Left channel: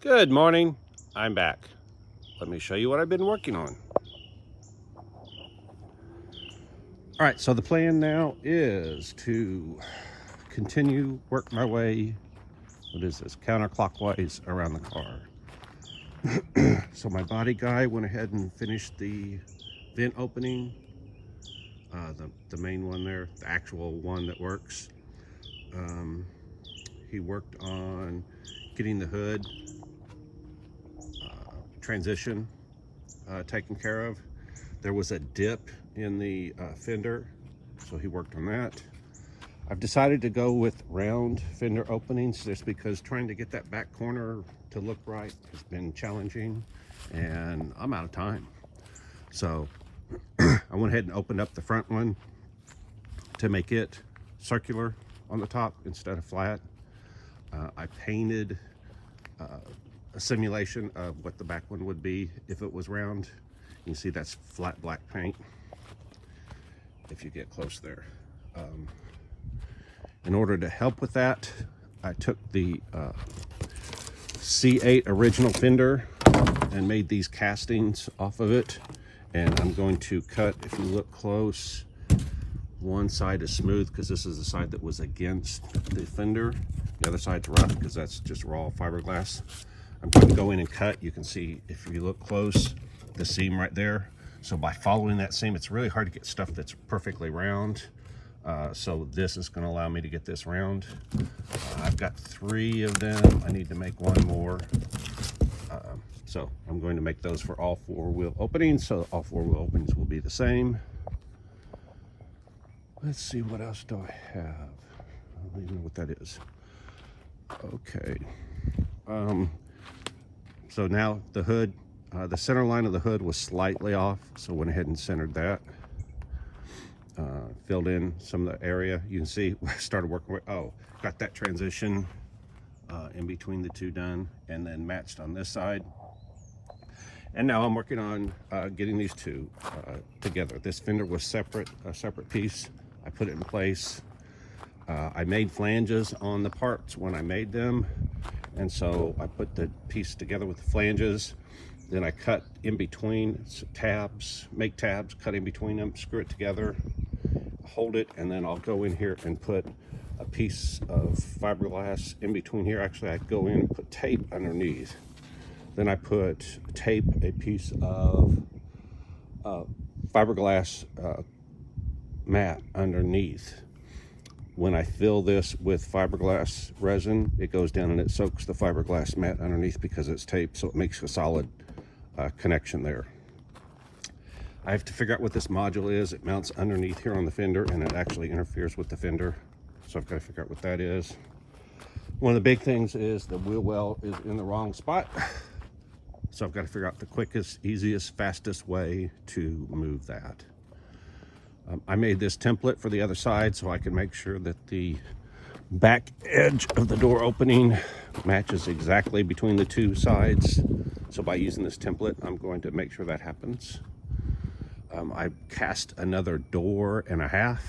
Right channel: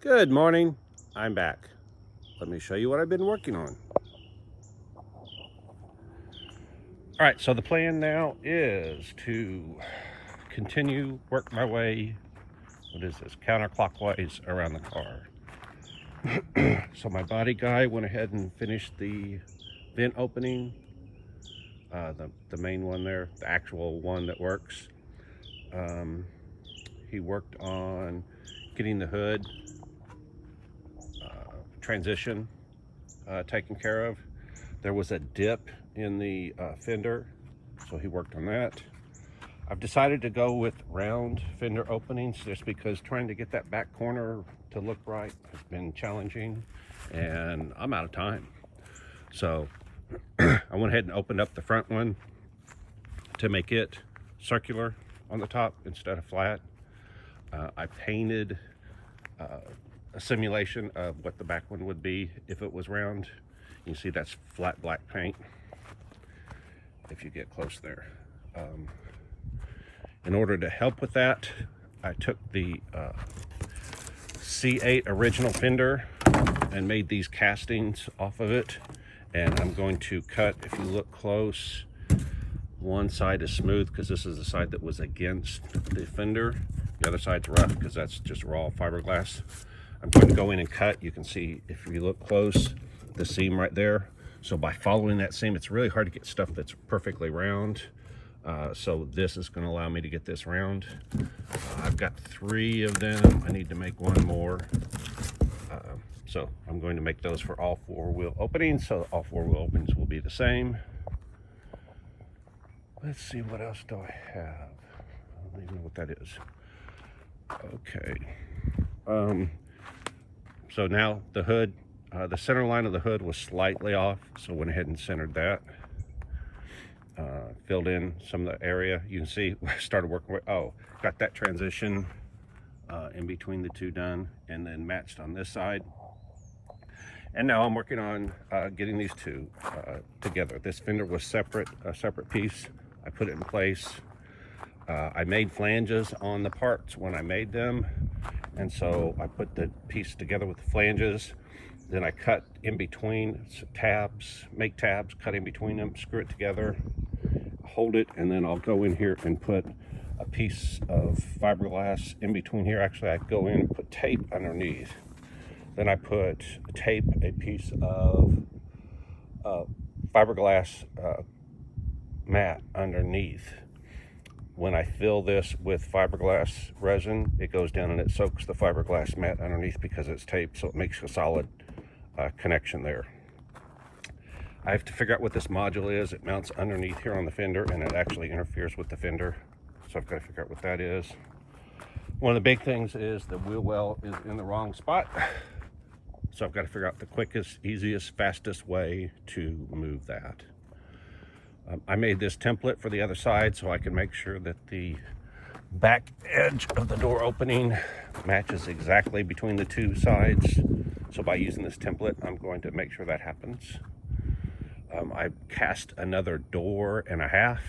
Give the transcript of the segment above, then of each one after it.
Good morning, I'm back. Let me show you what I've been working on. All right, so the plan now is to continue, work my way, what is this, counterclockwise around the car. So my body guy went ahead and finished the vent opening, the main one there, the actual one that works. He worked on getting the hood transition taken care of. There was a dip in the fender, so he worked on that. I've decided to go with round fender openings just because trying to get that back corner to look right has been challenging and I'm out of time. So I went ahead and opened up the front one to make it circular on the top instead of flat. I painted a simulation of what the back one would be if it was round. You see that's flat black paint if you get close there. In order to help with that, I took the C8 original fender and made these castings off of it, and I'm going to cut, if you look close, one side is smooth because this is the side that was against the fender. The other side's rough because that's just raw fiberglass. I'm going to go in and cut. You can see, if you look close, the seam right there. So by following that seam, it's really hard to get stuff that's perfectly round. So this is going to allow me to get this round. I've got 3 of them. I need to make 1 more. So I'm going to make those for all 4 wheel openings. So all 4 wheel openings will be the same. Let's see, what else do I have? I don't even know what that is. Okay. So now the hood, the center line of the hood was slightly off, so went ahead and centered that. Filled in some of the area. You can see I started working with, got that transition in between the 2 done, and then matched on this side. And now I'm working on getting these 2 together. This fender was a separate piece. I put it in place. I made flanges on the parts when I made them, and so I put the piece together with the flanges. Then I cut in between tabs, make tabs, cut in between them, screw it together, hold it, and then I'll go in here and put a piece of fiberglass in between here. Actually, I go in and put tape underneath. Then I put a piece of fiberglass mat underneath. When I fill this with fiberglass resin, it goes down and it soaks the fiberglass mat underneath because it's taped, so it makes a solid connection there. I have to figure out what this module is. It mounts underneath here on the fender and it actually interferes with the fender, so I've got to figure out what that is. One of the big things is the wheel well is in the wrong spot, so I've got to figure out the quickest, easiest, fastest way to move that. I made this template for the other side so I can make sure that the back edge of the door opening matches exactly between the 2 sides. So by using this template, I'm going to make sure that happens. I cast another door and a half.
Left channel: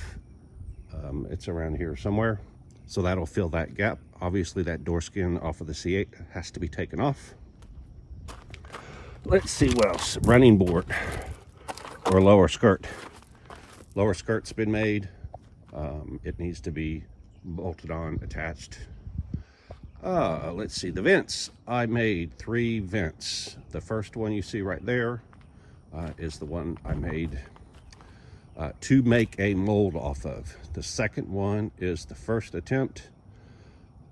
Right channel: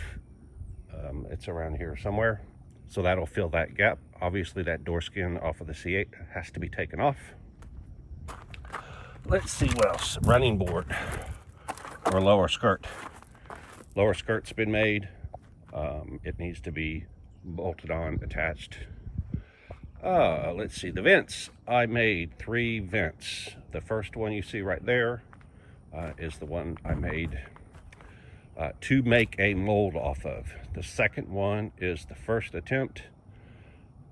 It's around here somewhere. So that'll fill that gap. Obviously that door skin off of the C8 has to be taken off. Let's see what else. Running board or lower skirt. Lower skirt's been made. It needs to be bolted on, attached. Let's see, the vents. I made 3 vents. The first one you see right there is the one I made to make a mold off of. The second one is the first attempt.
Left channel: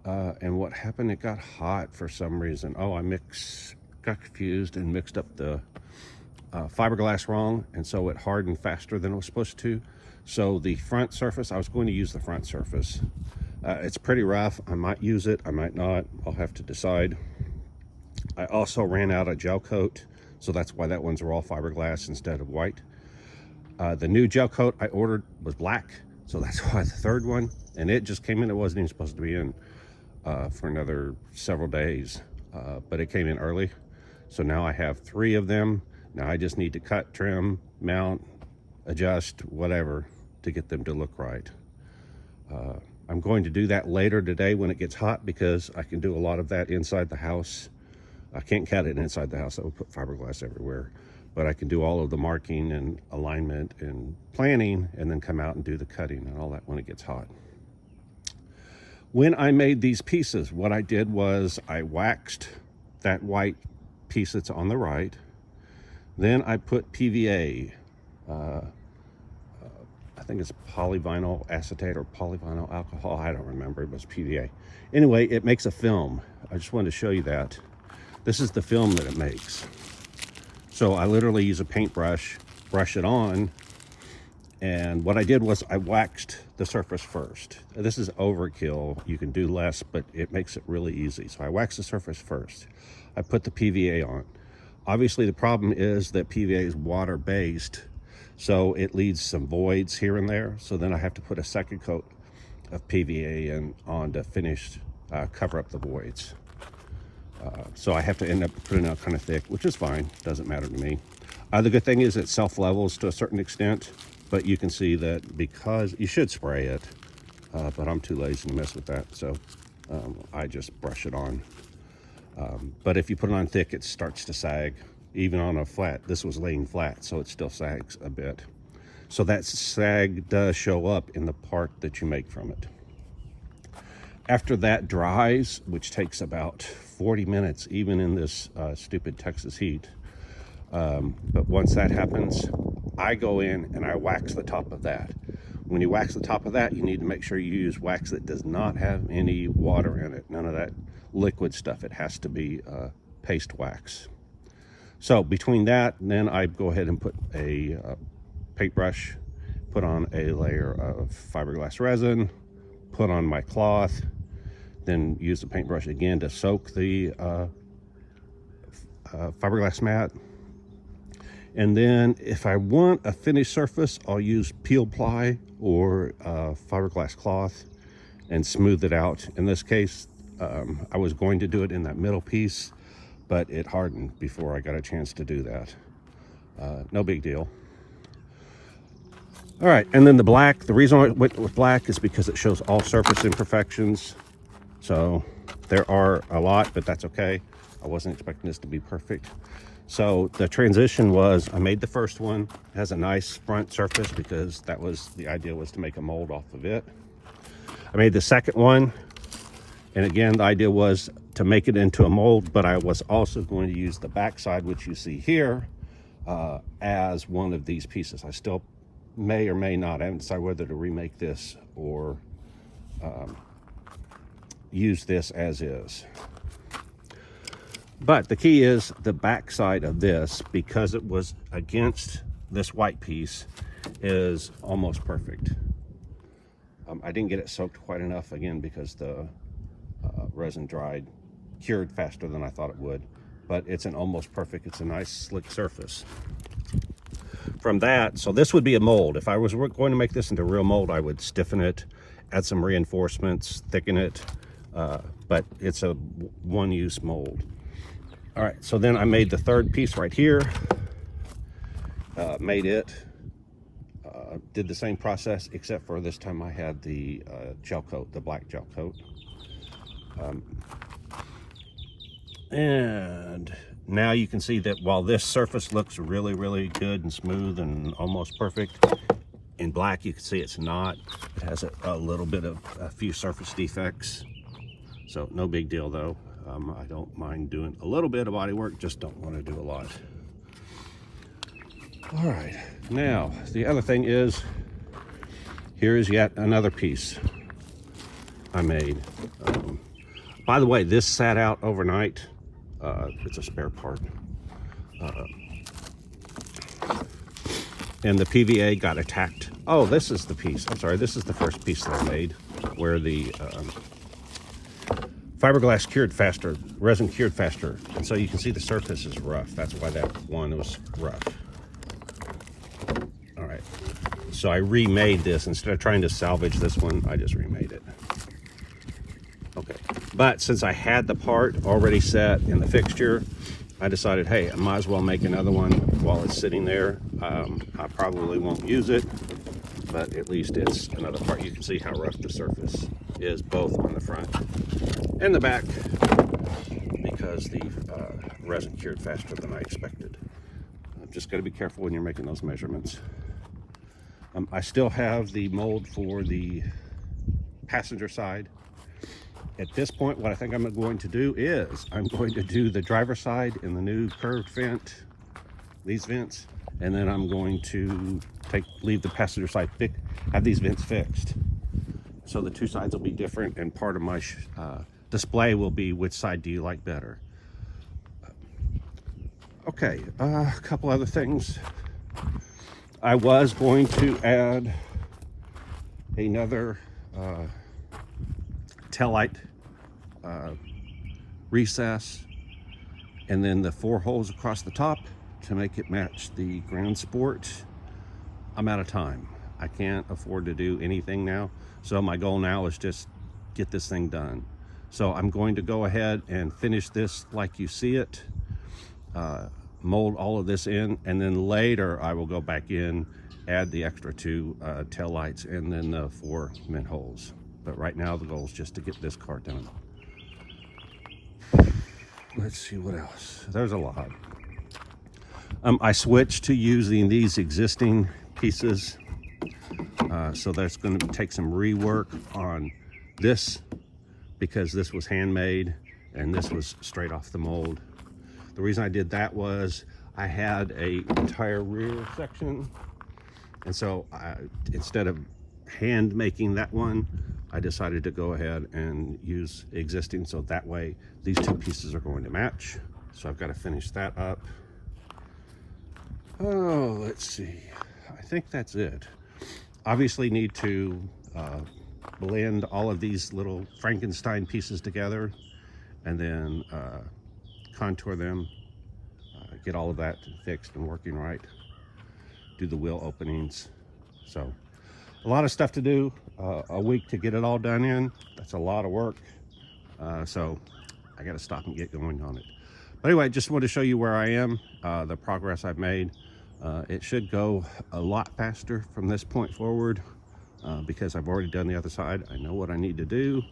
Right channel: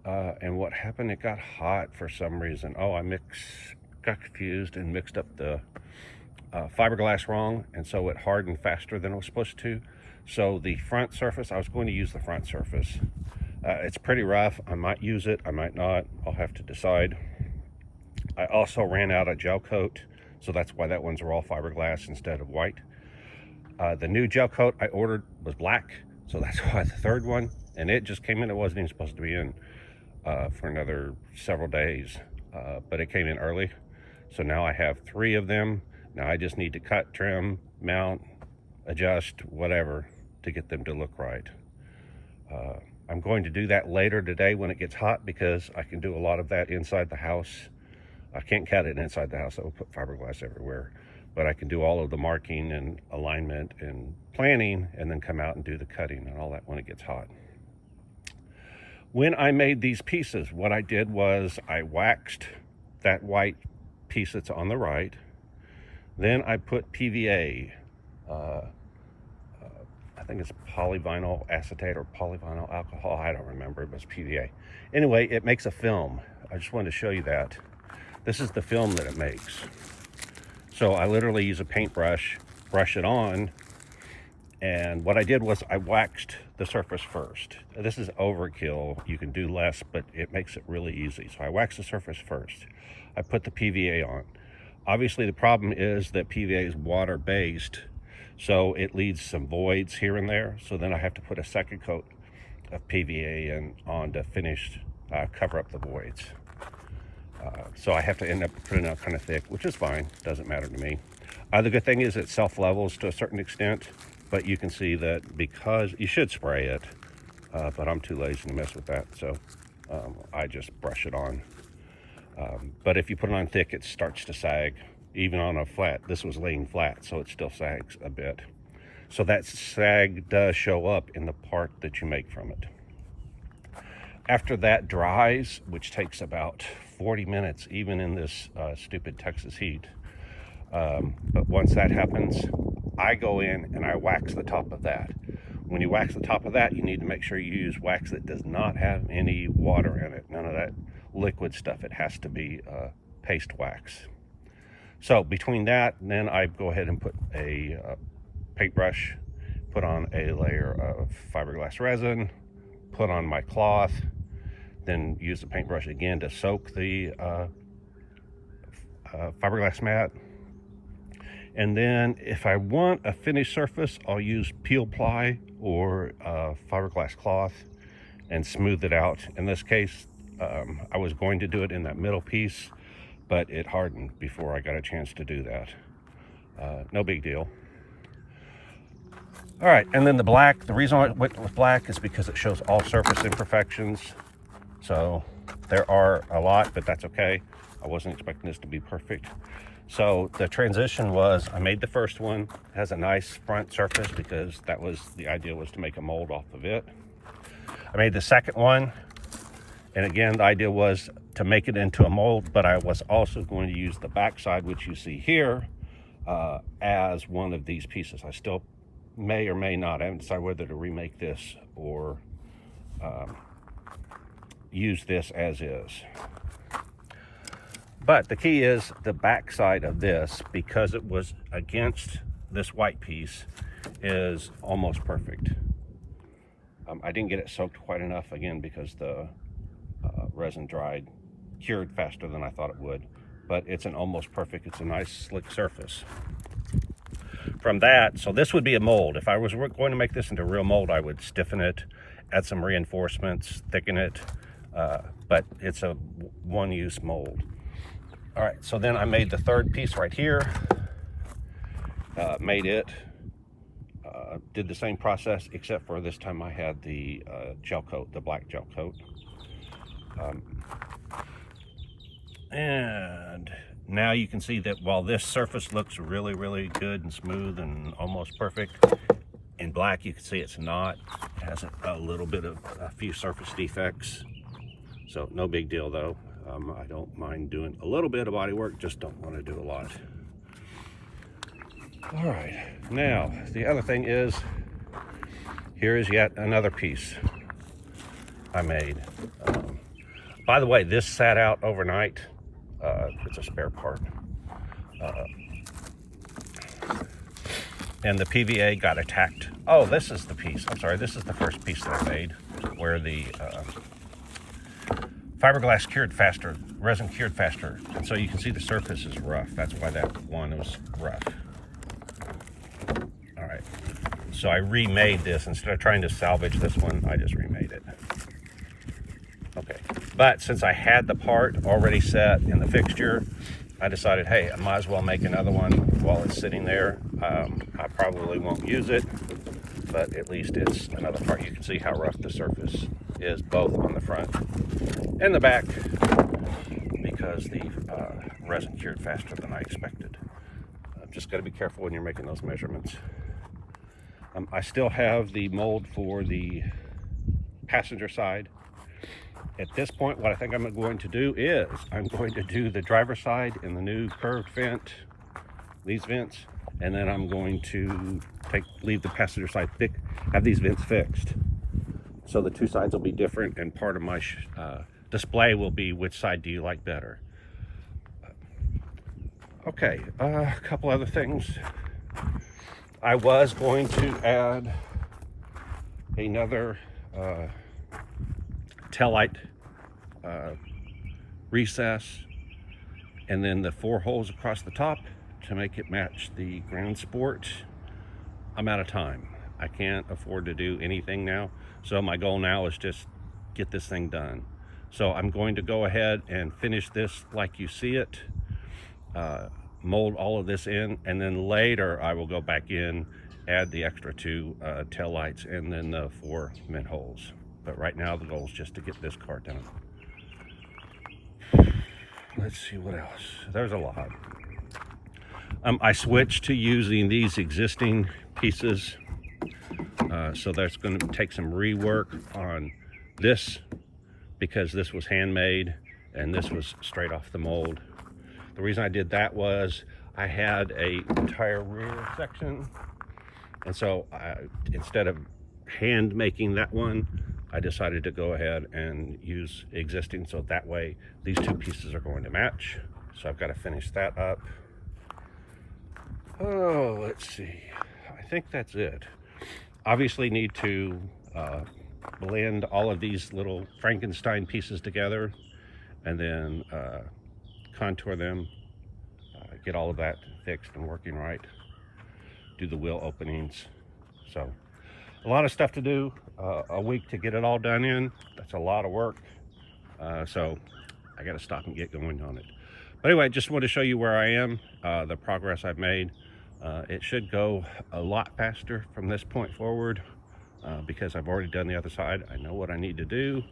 And what happened, it got hot for some reason. Got confused and mixed up the fiberglass wrong, and so it hardened faster than it was supposed to. So the front surface, I was going to use the front surface. It's pretty rough. I might use it, I might not. I'll have to decide. I also ran out of gel coat, so that's why that one's raw fiberglass instead of white. The new gel coat I ordered was black, so that's why the third one, and it just came in. It wasn't even supposed to be in for another several days, but it came in early. So now I have 3 of them. Now I just need to cut, trim, mount, adjust, whatever, to get them to look right. I'm going to do that later today when it gets hot because I can do a lot of that inside the house I can't cut it inside the house. That will put fiberglass everywhere. But I can do all of the marking and alignment and planning, and then come out and do the cutting and all that when it gets hot. When I made these pieces, what I did was I waxed that white piece that's on the right. Then I put PVA, I think it's polyvinyl acetate or polyvinyl alcohol. I don't remember, but it's PVA. Anyway, it makes a film. I just wanted to show you that. This is the film that it makes. So I literally use a paintbrush, brush it on, and what I did was I waxed the surface first. This is overkill. You can do less, but it makes it really easy. So I waxed the surface first. I put the PVA on. Obviously, the problem is that PVA is water-based, so it leaves some voids here and there. So then I have to put a second coat of PVA on to finish, cover up the voids. So I have to end up putting it kind of thick, which is fine. Doesn't matter to me. The good thing is it self-levels to a certain extent, but you can see that because you should spray it, but I'm too lazy to mess with that, so I just brush it on. But if you put it on thick, it starts to sag. Even on a flat, this was laying flat, so it still sags a bit. So that sag does show up in the part that you make from it. After that dries, which takes about 40 minutes, even in this stupid Texas heat, but once that happens, I go in and I wax the top of that. When you wax the top of that, you need to make sure you use wax that does not have any water in it. None of that liquid stuff. It has to be paste wax. So between that, then I go ahead and put a paintbrush, put on a layer of fiberglass resin, put on my cloth, then use the paintbrush again to soak the fiberglass mat. And then if I want a finished surface, I'll use peel ply or fiberglass cloth and smooth it out. In this case, I was going to do it in that middle piece, but it hardened before I got a chance to do that. No big deal. All right, and then the black. The reason I went with black is because it shows all surface imperfections. So there are a lot, but that's okay. I wasn't expecting this to be perfect. So the transition was, I made the first one, it has a nice front surface because that was the idea, was to make a mold off of it. I made the second one, and again, the idea was to make it into a mold, but I was also going to use the backside, which you see here, as one of these pieces. I still may or may not, I haven't decided whether to remake this or use this as is. But the key is the backside of this, because it was against this white piece, is almost perfect. I didn't get it soaked quite enough, again, because the resin cured faster than I thought it would. But it's an almost perfect, it's a nice slick surface. From that, so this would be a mold. If I was going to make this into a real mold, I would stiffen it, add some reinforcements, thicken it, but it's a one-use mold. All right, so then I made the third piece right here, made it, did the same process, except for this time I had the gel coat, the black gel coat. And now you can see that while this surface looks really, really good and smooth and almost perfect, in black you can see it's not. It has a little bit of a few surface defects. So no big deal though. I don't mind doing a little bit of body work, just don't want to do a lot. All right, now the other thing is, here is yet another piece I made. By the way, this sat out overnight. It's a spare part. And the PVA got attacked. Oh, this is the piece. I'm sorry, this is the first piece that I made, where the fiberglass cured faster, resin cured faster, and so you can see the surface is rough. That's why that one was rough. All right, so I remade this. Instead of trying to salvage this one, I just remade it. Okay, but since I had the part already set in the fixture, I decided, hey, I might as well make another one while it's sitting there. I probably won't use it, but at least it's another part. You can see how rough the surface is, both on the front and the back, because because the resin cured faster than I expected. Just got to be careful when you're making those measurements. I still have the mold for the passenger side. At this point, what I think I'm going to do is I'm going to do the driver's side in the new curved vent, these vents, and then I'm going to leave the passenger side have these vents fixed. So the two sides will be different, and part of my display will be which side do you like better. Okay, a couple other things. I was going to add another taillight recess, and then the 4 holes across the top to make it match the Grand Sport. I'm out of time. I can't afford to do anything now, so my goal now is just get this thing done. So I'm going to go ahead and finish this like you see it, mold all of this in, and then later I will go back in, add the extra 2 tail lights and then the 4 mint holes. But right now the goal is just to get this car done. Let's see what else. There's a lot. I switched to using these existing pieces, so that's going to take some rework on this, because this was handmade and this was straight off the mold. The reason I did that was I had a entire rear section, and so instead of hand making that one, I decided to go ahead and use existing, so that way these 2 pieces are going to match. So I've got to finish that up. Oh, let's see. I think that's it. Obviously need to blend all of these little Frankenstein pieces together, and then contour them, get all of that fixed and working right, do the wheel openings. So a lot of stuff to do, a week to get it all done in. That's a lot of work, so I got to stop and get going on it. But anyway, just want to show you where I am, the progress I've made. It should go a lot faster from this point forward, because I've already done the other side. I know what I need to do.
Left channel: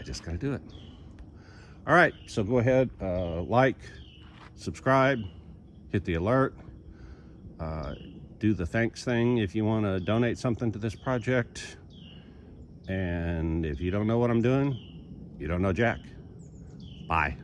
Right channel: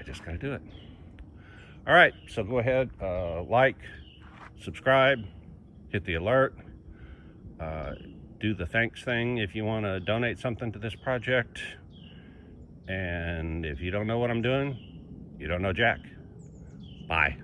I just got to do it. All right, so go ahead, like, subscribe, hit the alert, do the thanks thing if you want to donate something to this project. And if you don't know what I'm doing, you don't know Jack. Bye.